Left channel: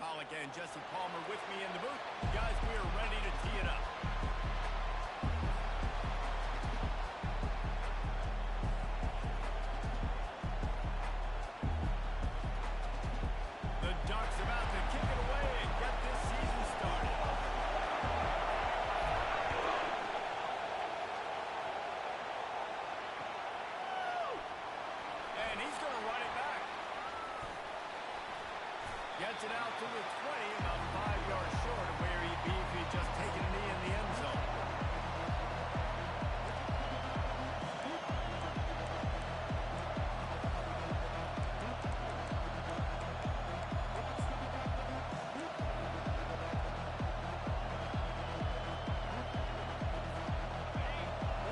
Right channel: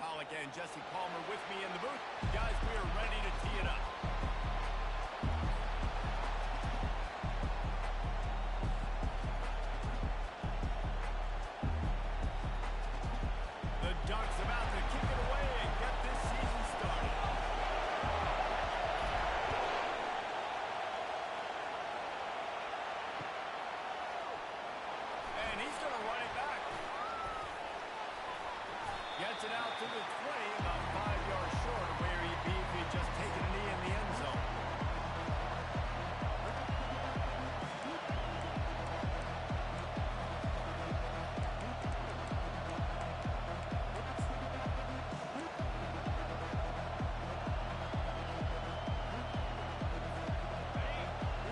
Pollock and Jesse Palmer with me in the booth. Guys, we are ready to tee it up. The Ducks about to kick it away and get this season started. And he's going to run it back. Gets it out to the 20, about 5 yards short of where he'd be if he'd just taken a knee in the end zone.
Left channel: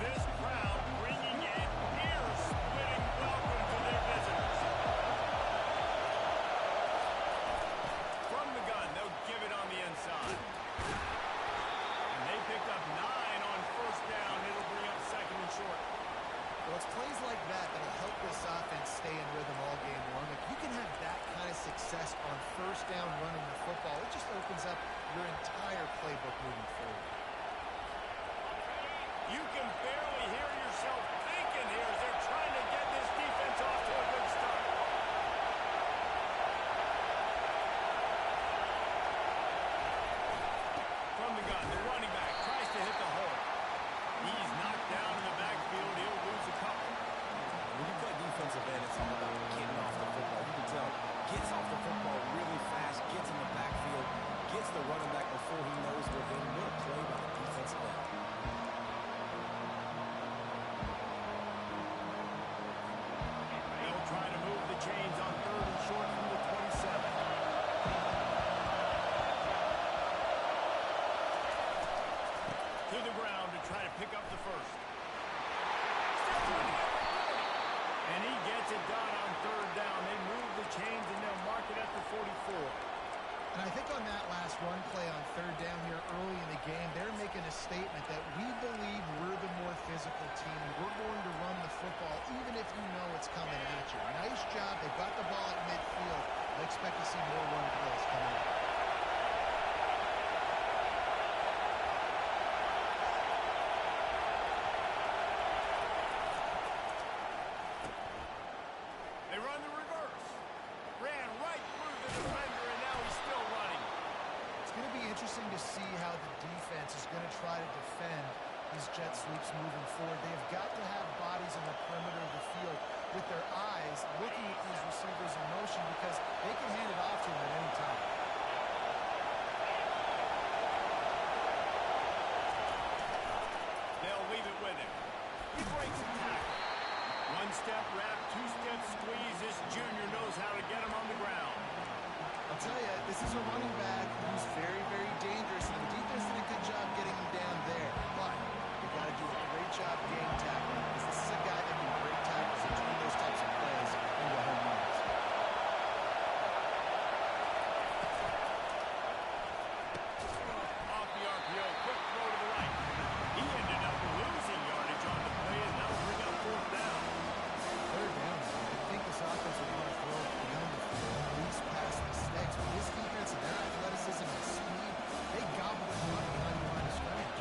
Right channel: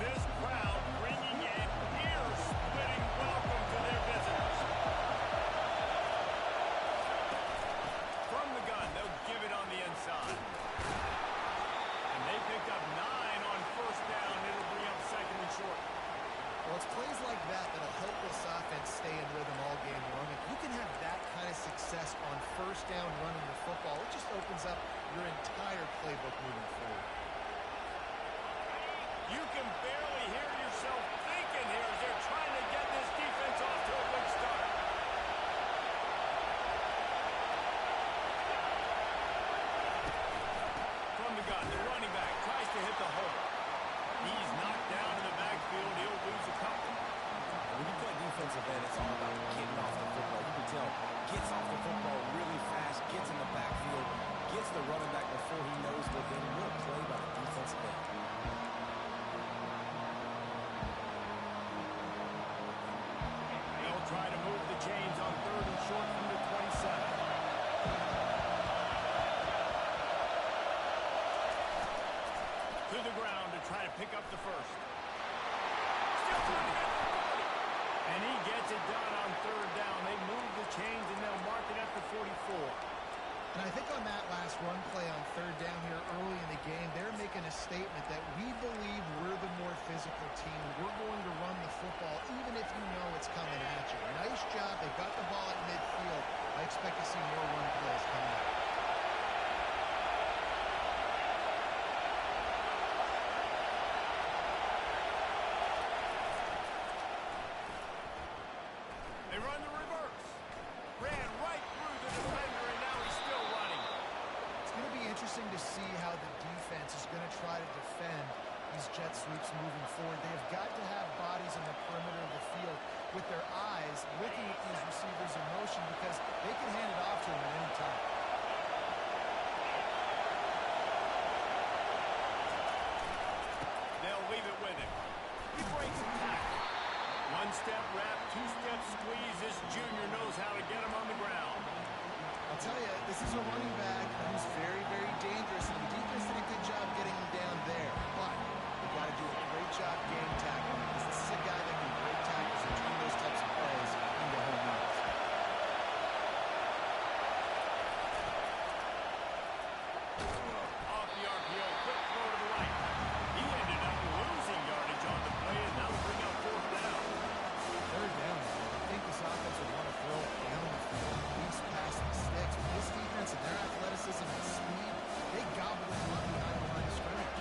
This crowd bringing an ear-splitting welcome to their visitors. From the gun, they'll give it on the inside. And they picked up 9 on first down. It'll bring up second and short. Well, it's plays like that that'll help this offense stay in rhythm all game long. If you can have that kind of success on first down running the football, it just opens up your entire playbook moving forward. You can barely hear yourself thinking here as they're trying to get this defense off to a good start. From the gun, the running back tries to hit the hole. He's knocked down in the backfield. He'll lose a couple. When you play defensive end, it's all about getting off the football. You can tell, gets off the football really fast, gets in the backfield, gets the running back before he knows within. What a play by the defensive end. They'll try to move the chains on third and short from the 27. To the ground to try to pick up the first. Still trying to get the 40. And he gets it done on third down. They move the chains and they'll mark it at the 44. And I think on that last run play on third down here early in the game, they're making a statement that we believe we're the more physical team and we're going to run the football even if you know it's coming at you. Nice job. They've got the ball at midfield. I expect to see more run plays coming up. They run the reverse. Ran right through the defender, and now he's still running. It's going to be interesting to see how the defense is going to try to defend these jet sweeps moving forward. They have got to have bodies on the perimeter of the field with their eyes looking at these receivers in motion because they can hand it off to them at any time. They'll leave it with him. He breaks the tackle. One-step wrap, two-step squeeze. This junior knows how to get him on the ground. I'll tell you, this is a running back who's very, very dangerous, and the defense did a good job getting him down there. But they got to do a great job game tackling because this is a guy that can break tackles and turn those types of plays into home runs. Off the RPO, quick throw to the right. He ended up losing yardage on the play, and that'll bring up fourth down. Third down, I think this offense would want to throw it down the field, at least past the sticks. But this defense and their athleticism and speed, they gobble it up behind the line of scrimmage.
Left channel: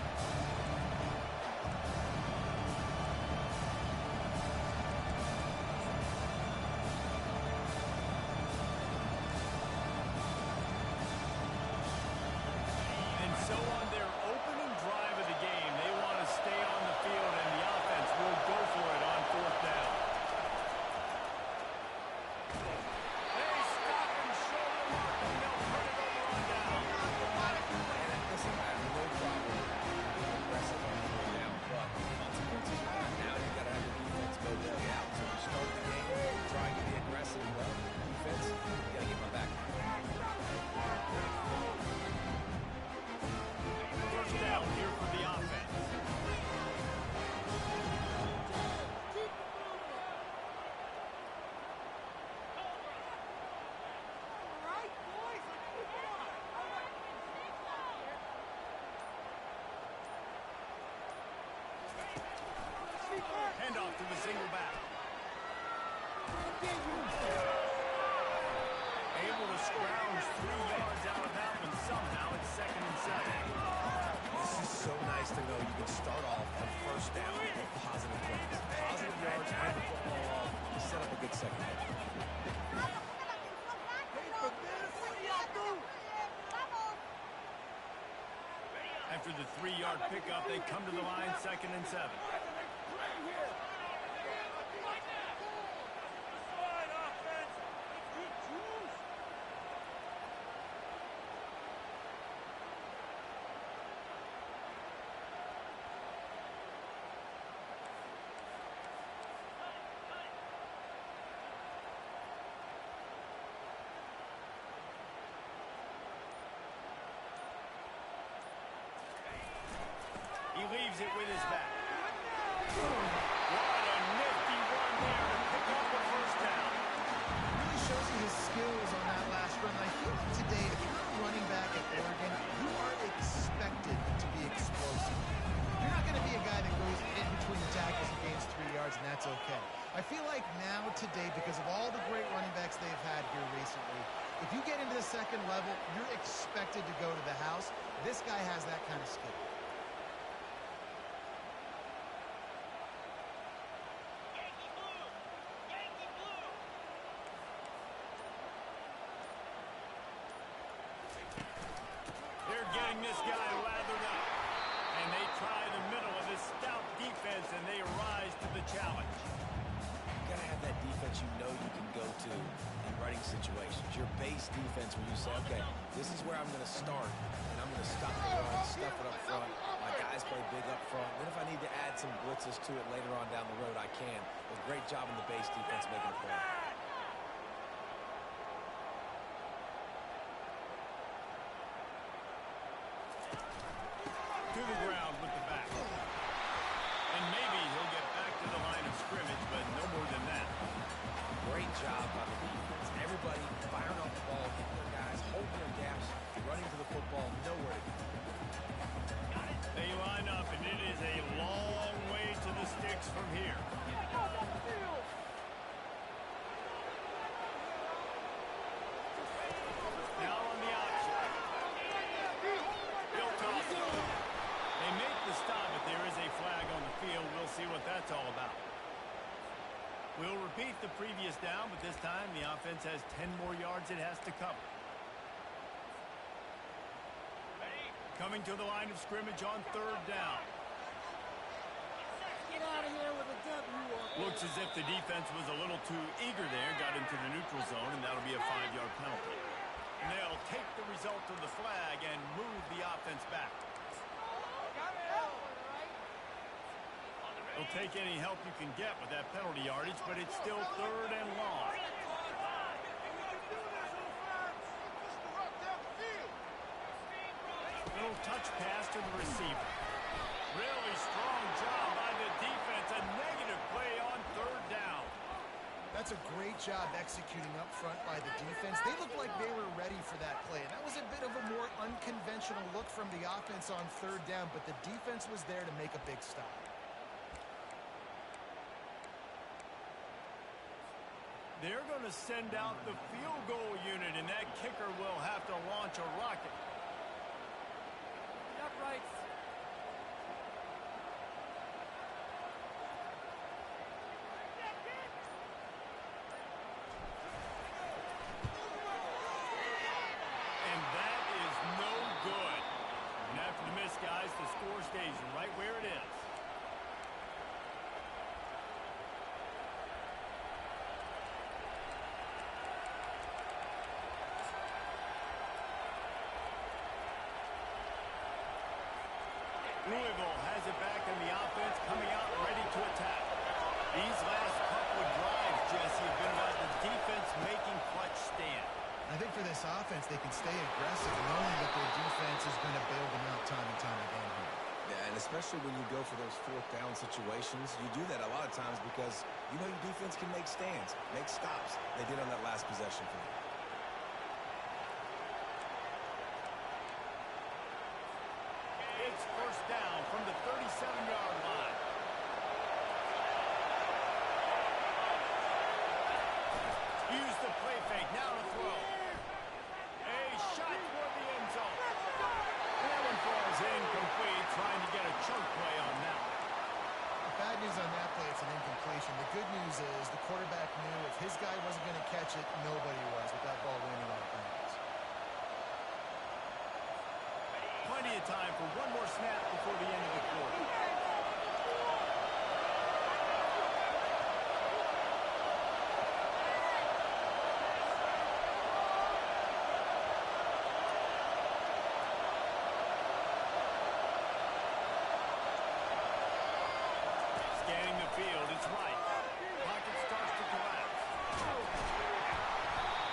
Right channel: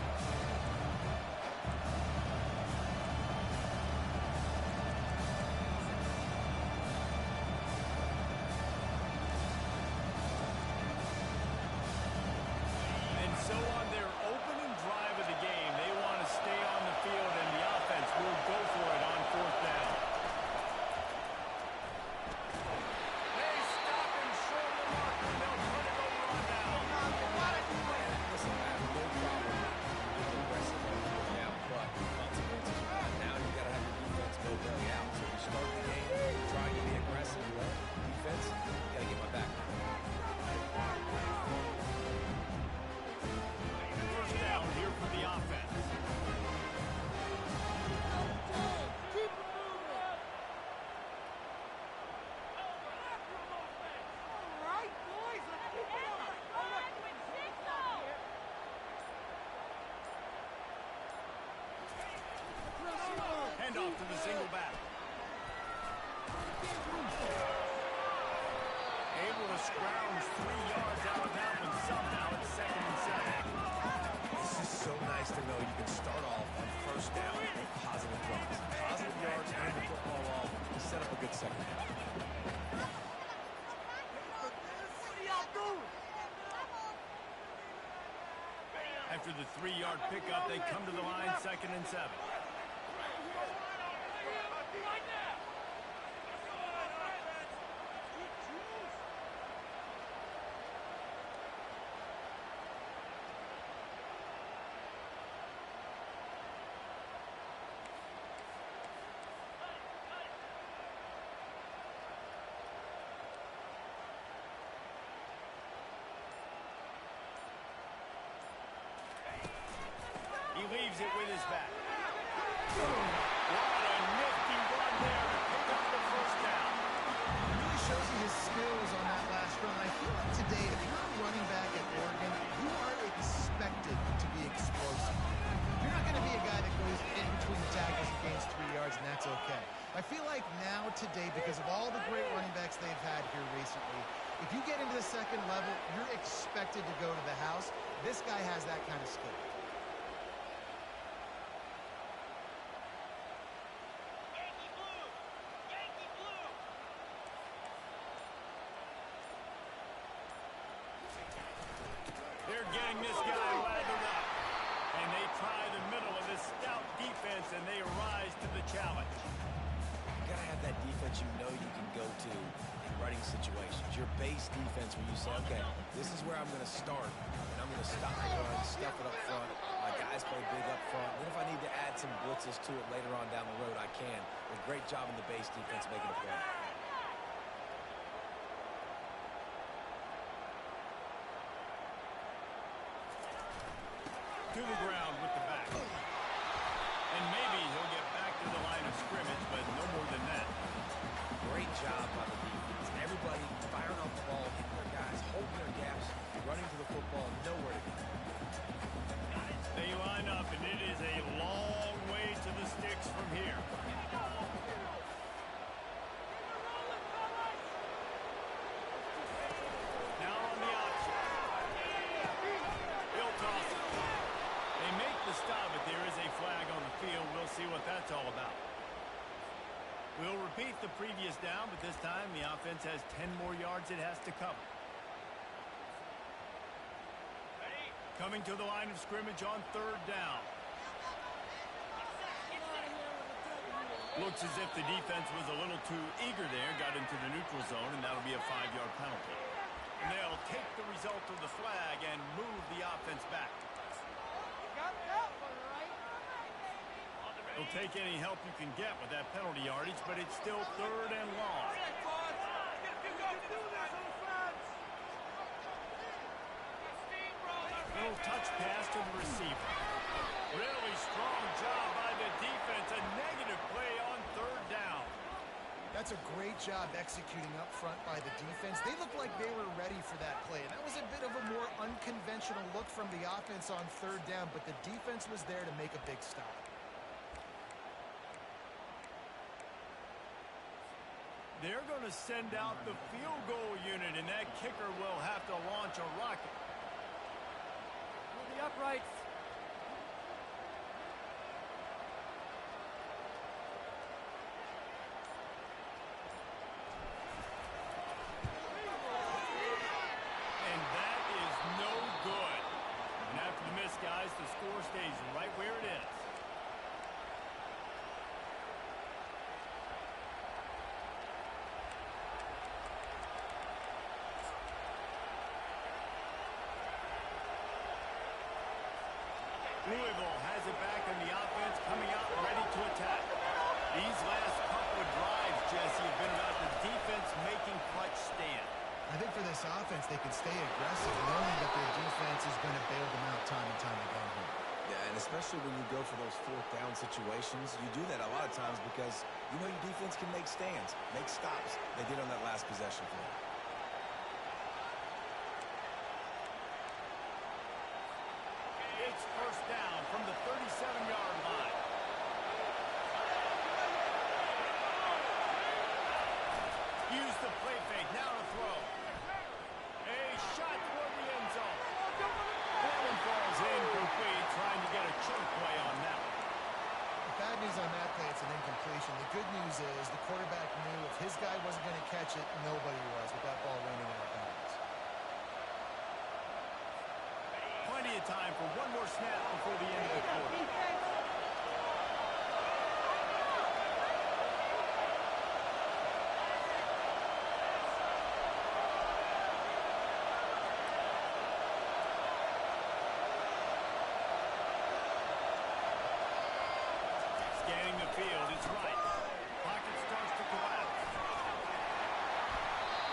to know you can start off on first down with positive plays. Positive yards, hand the football off to set up a good second half. After the 3-yard pickup, they come to the line 2nd and 7. He leaves it with his back. What a nifty run there to pick up the first down. Really shows you his skills on that last run. I feel like today, if you're a running back at Oregon, you are expected to be explosive. You're not going to be a guy that goes in between the tackles and gains 3 yards, and that's okay. I feel like now today, because of all the great running backs they've had here recently, if you get into the second level, you're expected to go to the house. This guy has that kind of skill. They're getting this guy lathered up. And they try the middle of this stout defense, and they rise to the challenge. You got to have that defense you know you can go to in running situations. Your base defense where you say, okay, this is where I'm going to start, and I'm going to stop the run, stuff it up front. My guys play big up front. Then if I need to add some blitzes to it later on down the road, I can. But great job in the base defense making a play. To the ground with the back. And maybe he'll get back to the line of scrimmage, but no more than that. Great job by the defense. Everybody firing off the ball, hitting their guys, holding their gaps, running to the football, nowhere to go. They line up, and it is a long way to the sticks from here. Now on the option. He'll toss it. They make the stop, but there is a flag on the field. We'll see what that's all about. We'll repeat the previous down, but this time the offense has 10 more yards it has to cover. Coming to the line of scrimmage on 3rd down. Get out of here with a W. Looks as if the defense was a little too eager there, got into the neutral zone, and that'll be a 5-yard penalty. And they'll take the result of the flag and move the offense back. They'll take any help you can get with that penalty yardage, but it's still 3rd and long. Little touch pass to the receiver. Really strong job by the defense. A negative play on 3rd down. That's a great job executing up front by the defense. They looked like they were ready for that play. And that was a bit of a more unconventional look from the offense on 3rd down, but the defense was there to make a big stop. They're going to send out the field goal unit, and that kicker will have to launch a rocket. The uprights. And that is no good. And after the miss, guys, the score stays right where it is. Louisville has it back in the offense, coming out ready to attack. These last couple of drives, Jesse, have been about the defense making clutch stand. I think for this offense, they can stay aggressive, knowing that their defense is going to bail them out time and time again here. Yeah, and especially when you go for those 4th down situations, you do that a lot of times because you know your defense can make stands, make stops. They did on that last possession for you. It's 1st down from the 37-yard line. Use the play fake, now to throw. A shot toward the end zone. That one falls incomplete, trying to get a chunk play on that one. The bad news on that play, it's an incompletion. The good news is the quarterback knew if his guy wasn't going to catch it, nobody was with that ball landing out of bounds. Plenty of time for one more snap before the end of the quarter. Scanning the field, it's right. Pocket starts to collapse.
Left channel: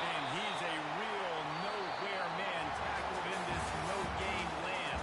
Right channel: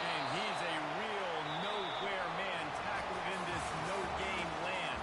And he's a real nowhere man tackled in this no-game land.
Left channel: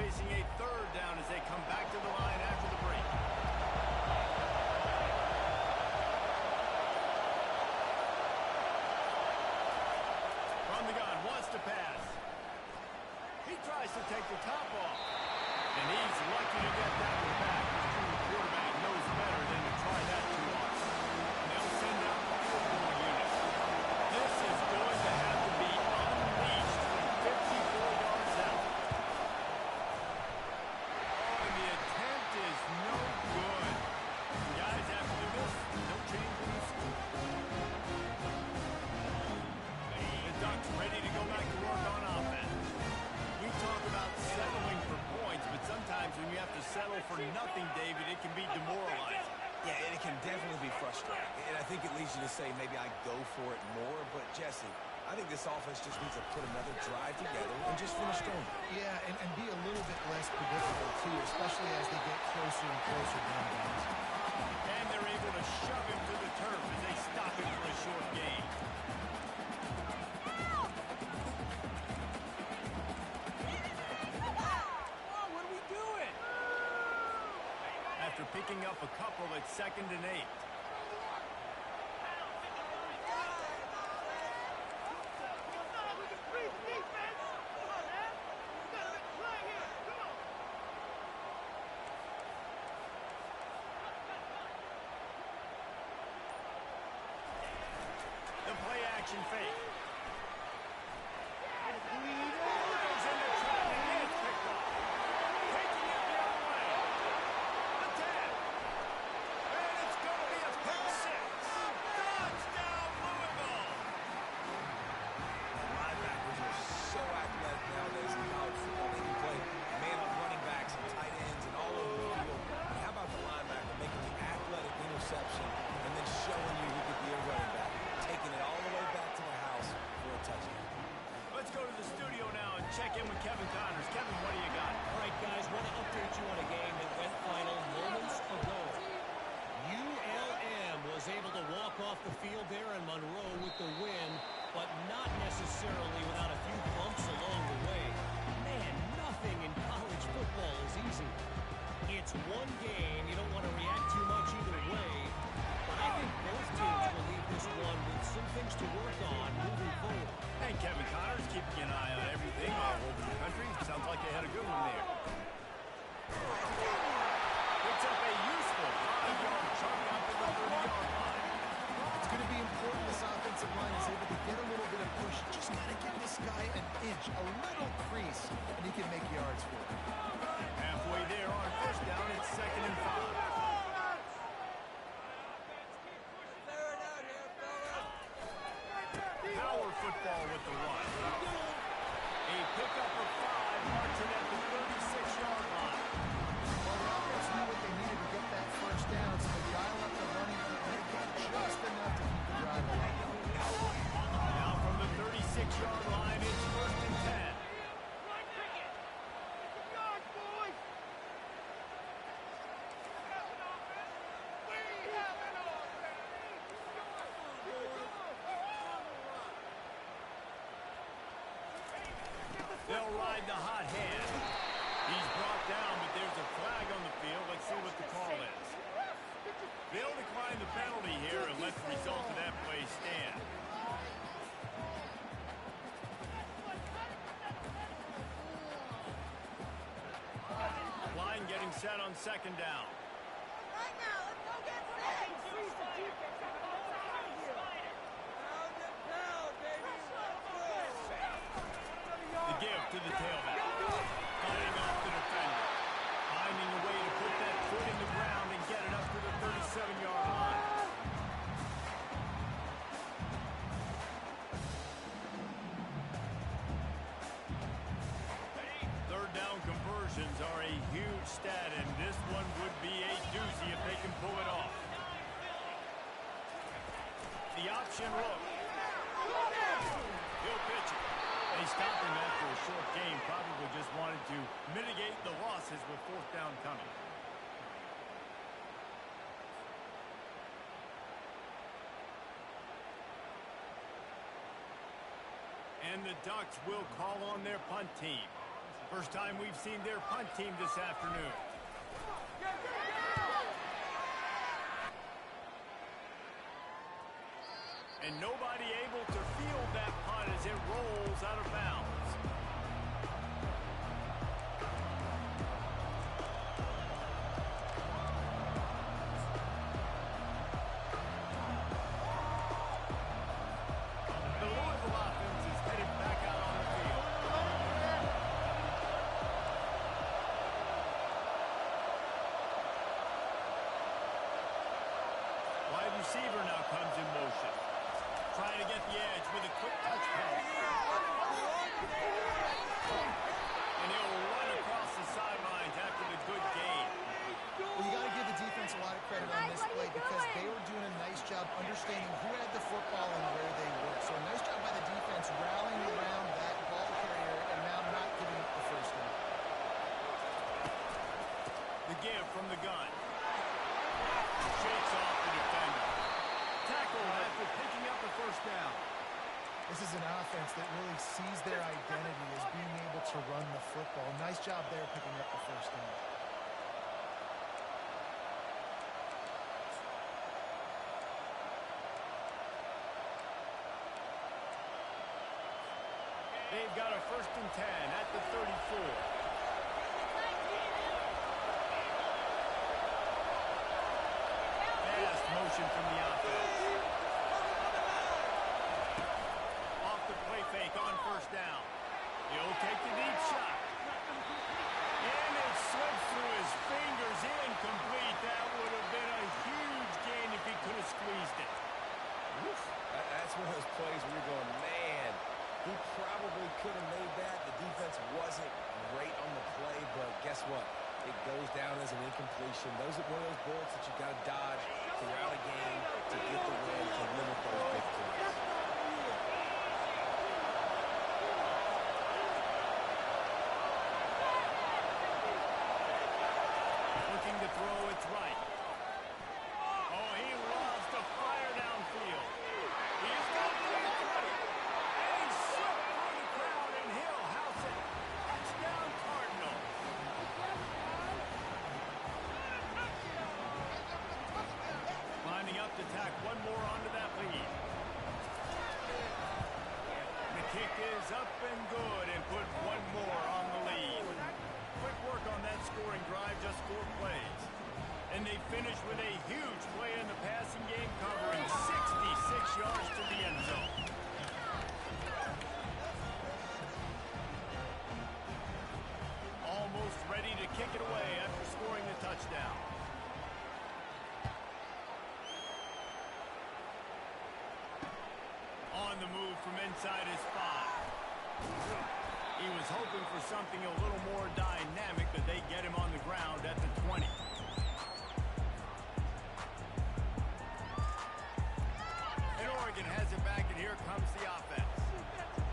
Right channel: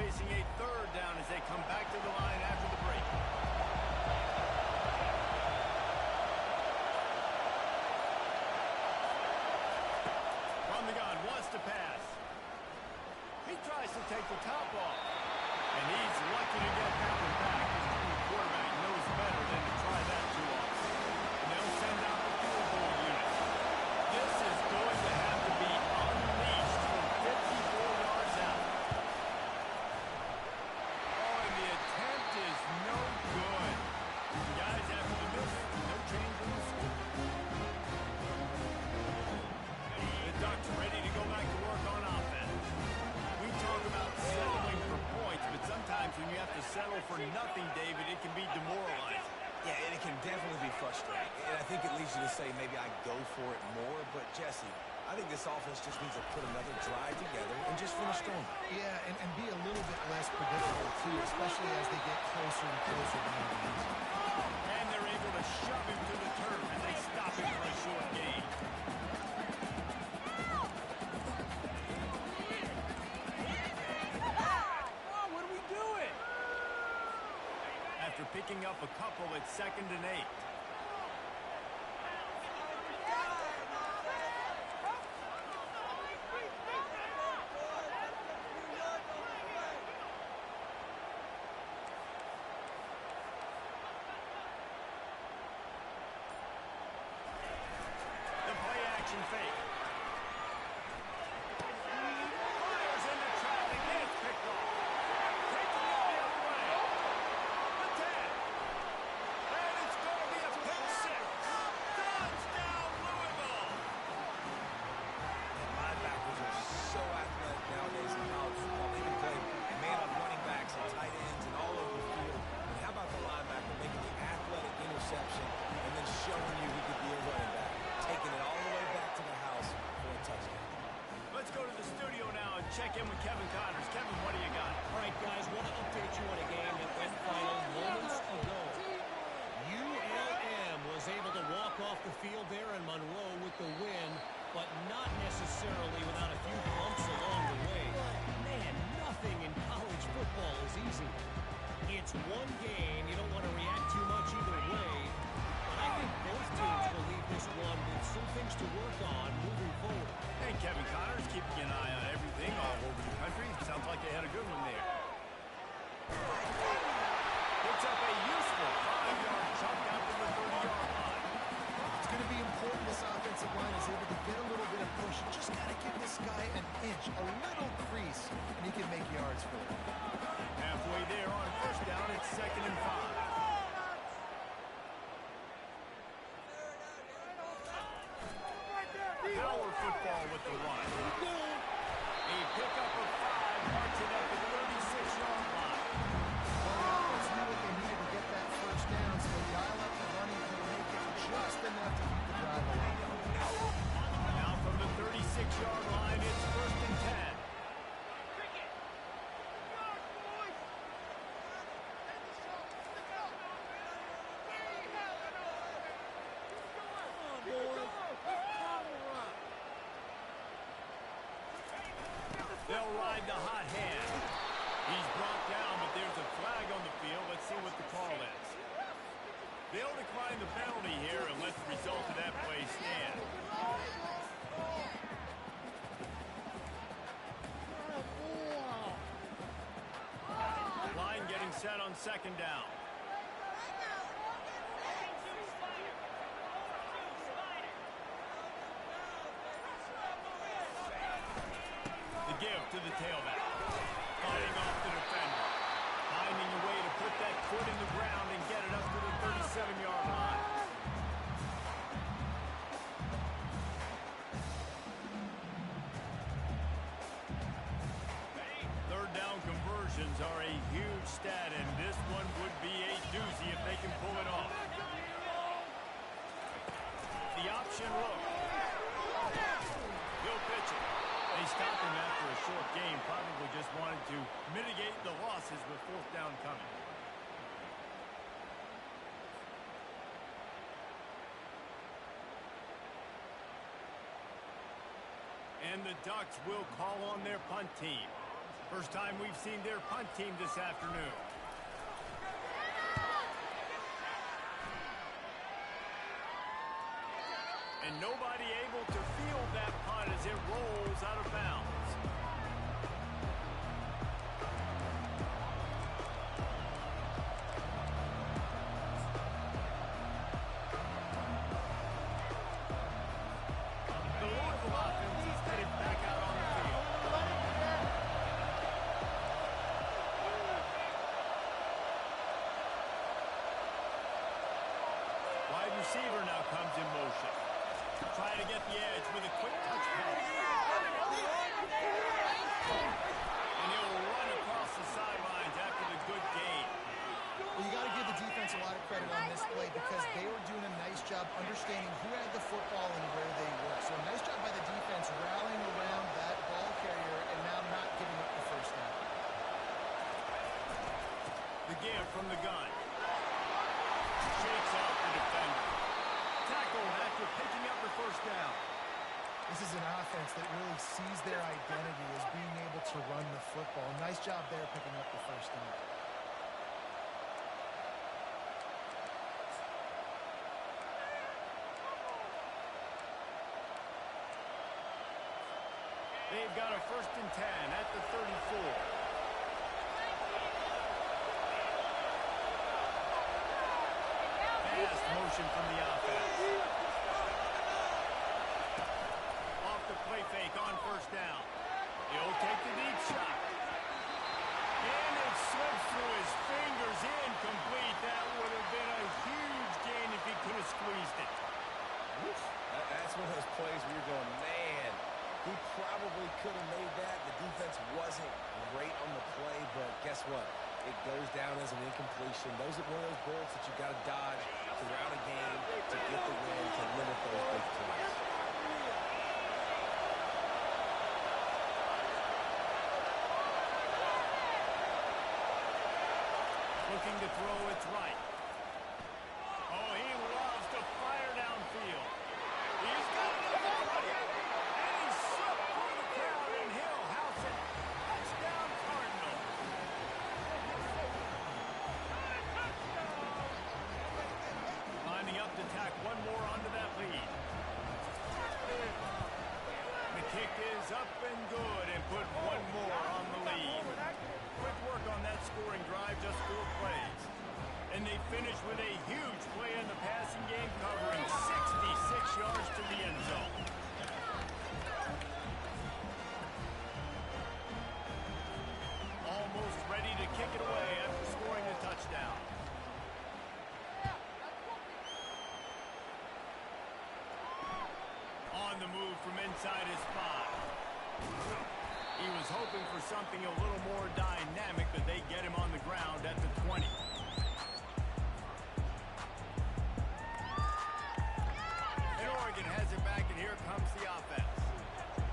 Facing a third down as they come back to the line after the break. From the gun, wants to pass. He tries to take the top off. And he's lucky to get that one back. His true quarterback knows better than to try that too often. And they'll send out the field goal unit. This is going to have to be unleashed from 54 yards out. The attempt is no good. Guys, after the miss, no change in the score. The Ducks ready to go back to work on offense. We talk about settling for points, but sometimes when you have to settle for nothing, David, it can be demoralizing. Yeah, and it can definitely be frustrating. And I think it leads you to say maybe I go for it more. But, Jesse, I think this offense just needs to put another drive together and just finish strong. Yeah, and be a little bit less predictable, too, especially as they get closer and closer down games. And they're able to shove him to the turf as they stop him for a short gain. What are we doing? After picking up a couple at 2nd and 8. reception and then showing you he could be a running back, taking it all the way back to the house for a touchdown. Let's go to the studio now and check in with Kevin Connors. Kevin, what do you got? All right, guys, want to update you on a game that went final moments ago. ULM was able to walk off the field there in Monroe with the win, but not necessarily without a few bumps along the way. Man, nothing in college football is easy. It's one game. You don't want to react too much either way, but I think both teams will leave this one with some things to work on moving forward. And Kevin Connors keeping an eye on everything all over the country. Sounds like they had a good one there. Picks up a useful 5-yard chunk out to the 30-yard line. It's going to be important this offensive line is able to get a little bit of push. Just got to give this guy an inch, a little crease, and he can make yards for it. Halfway there on first down, it's 2nd and 5. Power football with the one. A pickup of 5, marching at the 36-yard line. Well, the offense knew what they needed to get that first down, so they dial up the running play and they get just enough to keep the drive alive. Now from the 36-yard line, it's 1st and 10. They'll ride the hot hand. He's brought down, but there's a flag on the field. Let's see what the call is. They'll decline the penalty here and let the result of that play stand. Line getting set on 2nd down. The give to the tailback. Fighting off the defender. Finding a way to put that foot in the ground and get it up to the 37-yard line. Third down conversions are a huge stat, and this one would be a doozy if they can pull it off. The option look. He'll pitch it. They stopped him after a short game, probably just wanted to mitigate the losses with 4th down coming. And the Ducks will call on their punt team. First time we've seen their punt team this afternoon. And nobody able to field that punt as it rolls out of bounds. The Louisville offense is headed back out on the field. Wide receiver now comes in motion. Trying to get the edge with a quick touch pass. And he'll run across the sidelines after the good gain. Well, you got to give the defense a lot of credit on this play because they were doing a nice job understanding who had the football and where they were. So a nice job by the defense rallying around that ball carrier and now not giving up the first down. The give from the gun. Shakes off the defender. Tackle after picking up the first down. This is an offense that really sees their identity as being able to run the football. Nice job there picking up the first down. They've got a 1st and 10 at the 34. Fast motion from the offense. Off the play fake on first down. He'll take the deep shot. And it slips through his fingers, incomplete. That would have been a huge gain if he could have squeezed it. That's one of those plays where you're going, man, he probably could have made that. The defense wasn't great on the play, but guess what? It goes down as an incompletion. Those are one of those bullets that you got to dodge throughout a game to get the win, to limit those big plays. Looking to throw, it's right. Oh, he loves to fire downfield. He's got it in the 20. And he's slipped through the crowd, and he'll house it. Touchdown, Cardinals. Lining up to tack one more onto that lead. The kick is up and good and put one more on the lead. Quick work on that scoring drive, just 4 plays. And they finish with a huge play in the passing game, covering 66 yards to the end zone. Almost ready to kick it away after scoring the touchdown. On the move from inside his 5. He was hoping for something a little more dynamic, but they get him on the ground at the 20. And Oregon has it back, and here comes the offense.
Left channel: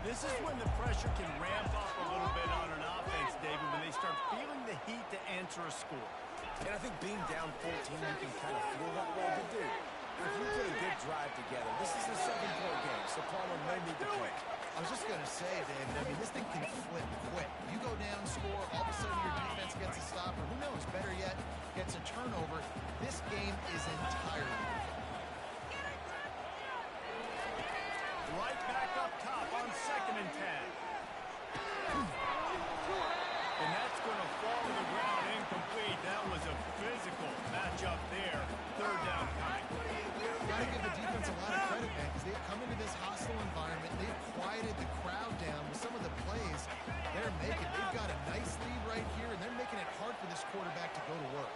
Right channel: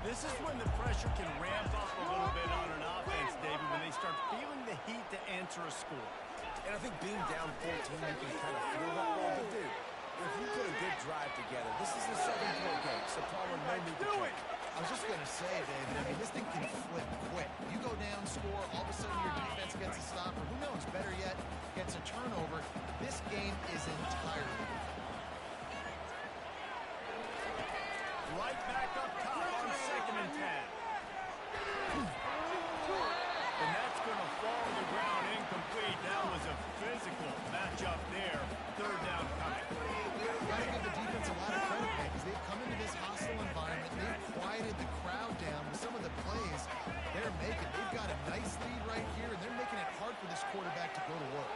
This is when the pressure can ramp up a little bit on an offense, David, when they start feeling the heat to answer a score. And I think being down 14, you can kind of feel that way. But, dude, if you put a good drive together, this is a 7-point game, so Palmer may need to play. I was just going to say, David, I mean, this thing can flip quick. You go down, score, all of a sudden your defense gets a stop, or who knows, better yet, gets a turnover. This game is entirely different. Right back up top on 2nd and 10. And that's going to fall to the ground incomplete. That was a physical matchup there. 3rd down coming. Got to give the defense a lot of credit, man, because they've come into this hostile environment. They've quieted the crowd down with some of the plays they're making. They've got a nice lead right here, and they're making it hard for this quarterback to go to work.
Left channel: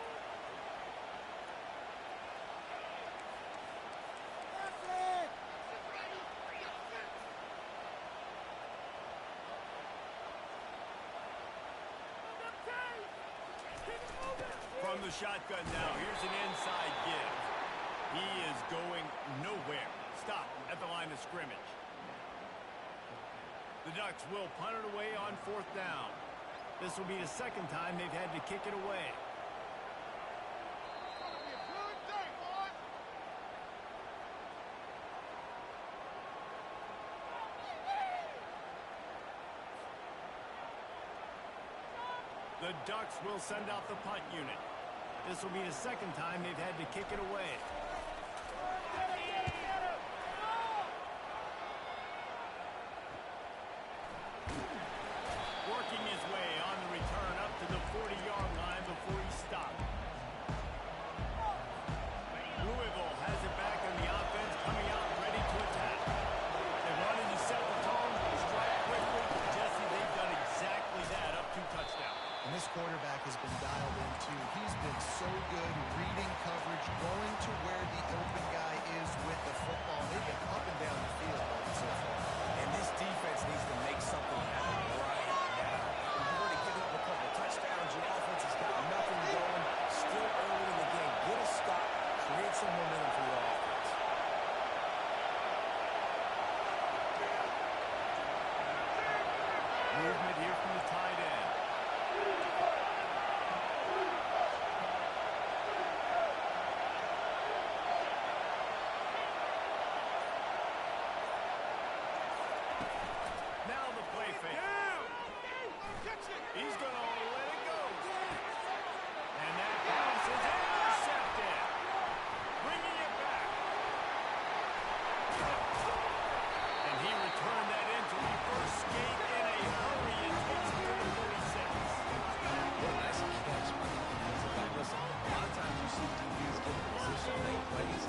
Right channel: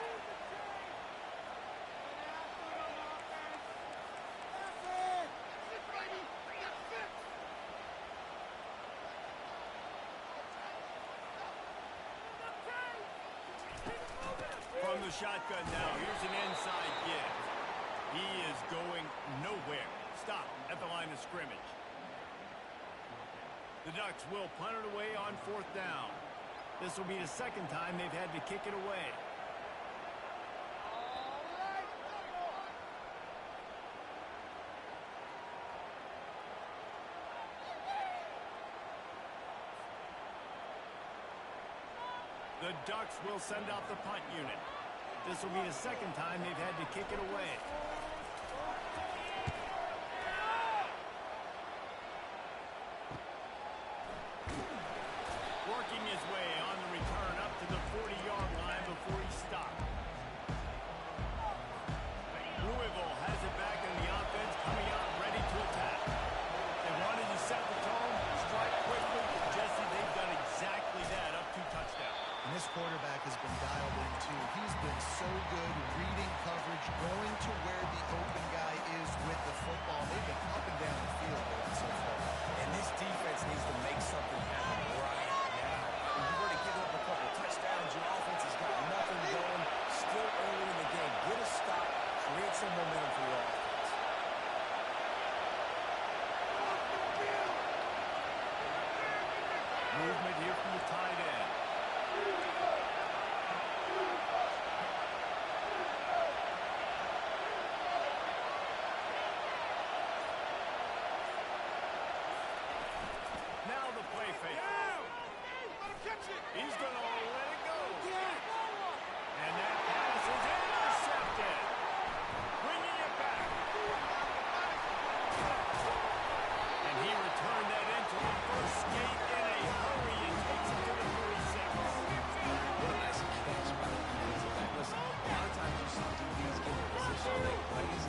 From the shotgun now, here's an inside give. He is going nowhere. Stop at the line of scrimmage. The Ducks will punt it away on 4th down. This will be the 2nd time they've had to kick it away. The Ducks will send out the punt unit. This will be the 2nd time they've had to kick it away. Working his way on the return up to the 40-yard line before he stopped. Louisville has it back, and the offense coming out ready to attack. They wanted to set the tone, strike quickly. Jesse, they've done exactly that, up 2 touchdowns. And this quarterback has been dialed in, too. He's been so good reading coverage, going to where the open guy is with the football. They've been up and down the field so far. And this defense needs to make something happen right now. You've already given up a couple touchdowns. Your offense has got nothing going. Still early in the game. Get a stop. Create some momentum for your offense. Movement here from the tight end. Now the play fake. He's going to let it go. And that pass is intercepted. Bringing it back. And he returned that into reverse skate in a hurry and takes it to the 46. What a nice catch by the defensive back. Listen, a lot of times you see DBs get in position to make plays,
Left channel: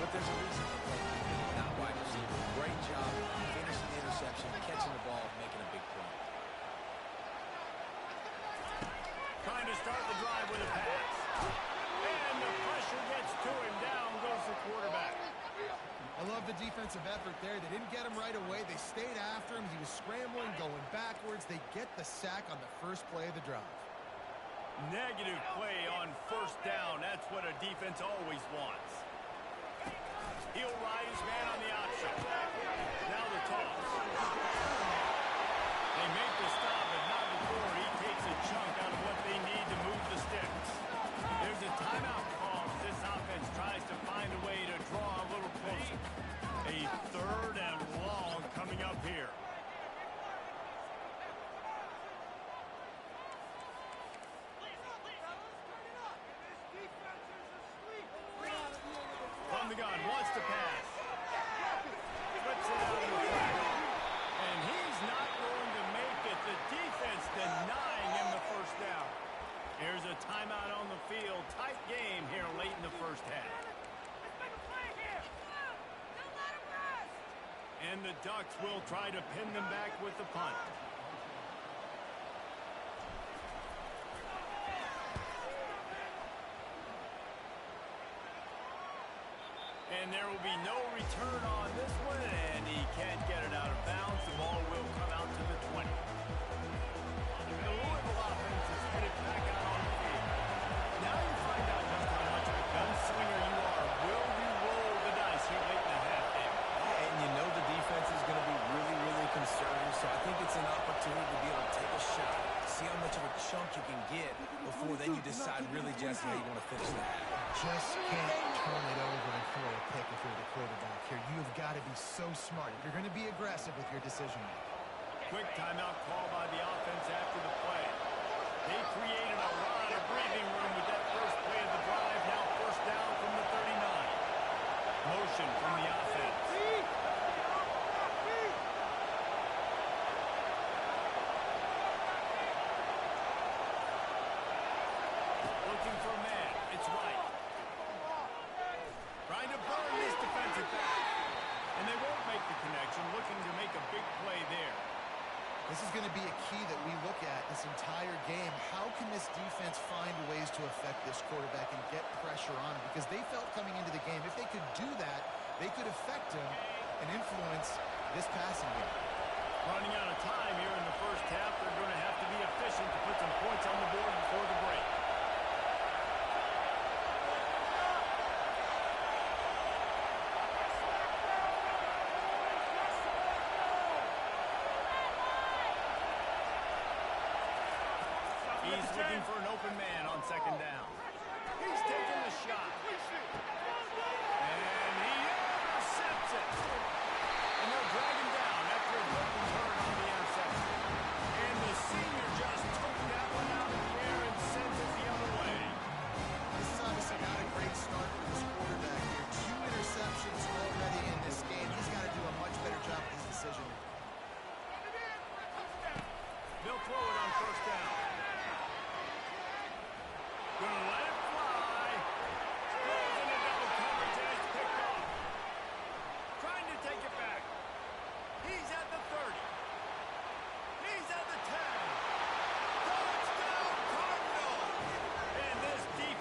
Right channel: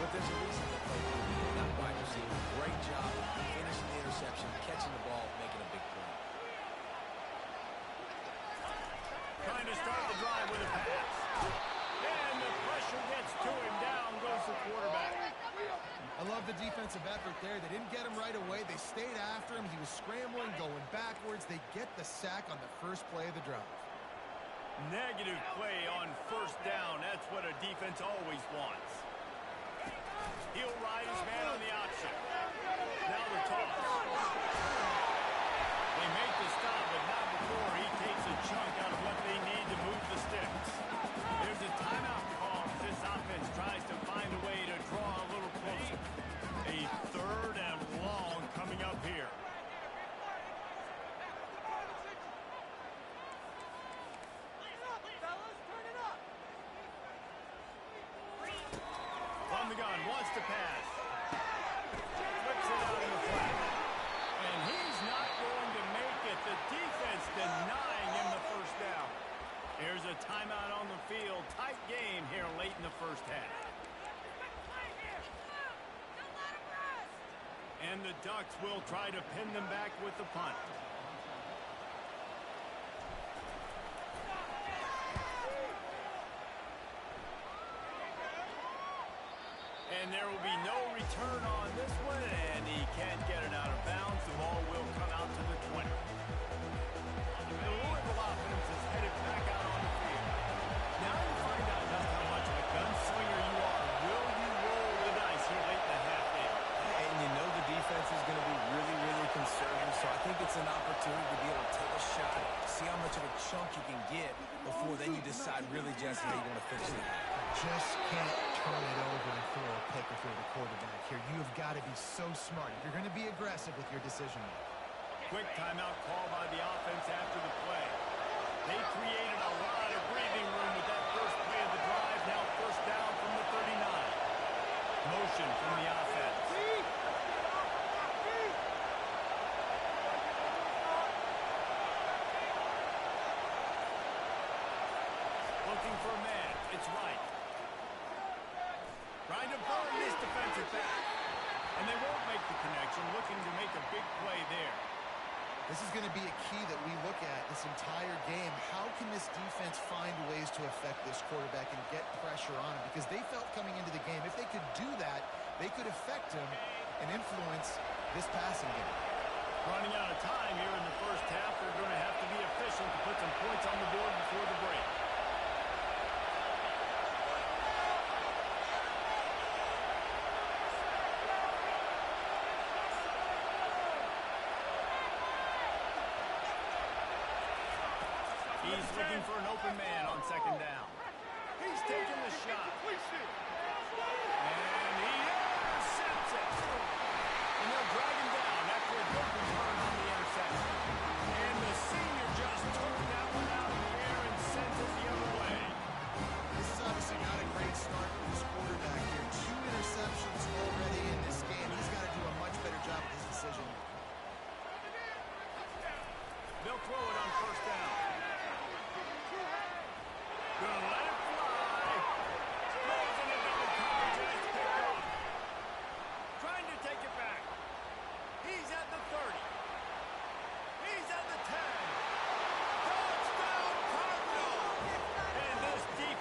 but there's a reason they play DB and not wide receiver. Great job finishing the interception, catching the ball, making a big play. Trying to start the drive with a pass. And the pressure gets to him. Down goes the quarterback. I love the defensive effort there. They didn't get him right away. They stayed after him. He was scrambling, going backwards. They get the sack on the first play of the drive. Negative play on first down. That's what a defense always wants. He'll ride his man on the option. Now the toss. They make the stop, but not before he takes a chunk out of what they need to move the sticks. There's a timeout call as this offense tries to find a way to draw a little closer. A third and long coming up here. From the gun, wants to pass. Flips it out in the flat. And he's not going to make it. The defense denying him the first down. Here's a timeout on the field. Tight game here late in the first half. And the Ducks will try to pin them back with the punt. And there will be no return on this one, and he can't get it out of bounds. The ball will come out to the 20. The Louisville offense is headed back out on the field. Now you find out just how much of a gunslinger you are. Will you roll the dice here late in the half, David? And you know the defense is going to be really, really conservative, so I think it's an opportunity to be able to take a shot, see how much of a chunk you can get before then you decide really just how you want to finish the half. Just can't turn it over and throw a pick if you're the quarterback here. You have got to be so smart. You're going to be aggressive with your decision. Quick timeout call by the offense after the play. They created a lot of breathing room with that first play of the drive. Now first down from the 39. Motion from the offense. Looking for a man. It's right. Trying to burn this defensive back. And they won't make the connection. Looking to make a big play there. This is going to be a key that we look at this entire game. How can this defense find ways to affect this quarterback and get pressure on him? Because they felt coming into the game, if they could do that, they could affect him and influence this passing game. Running out of time here in the first half. They're going to have to be efficient to put some points on the board before the break. He's looking for an open man on second down. He's taking the shot. And he intercepts it. And they'll drag him down after a good return on the interception. And the senior just took that one out of the air and sent it the other way. This is obviously not a great start for this quarterback here. 2 interceptions already in this game. He's got to do a much better job with his decision. They'll throw it on first down. Gonna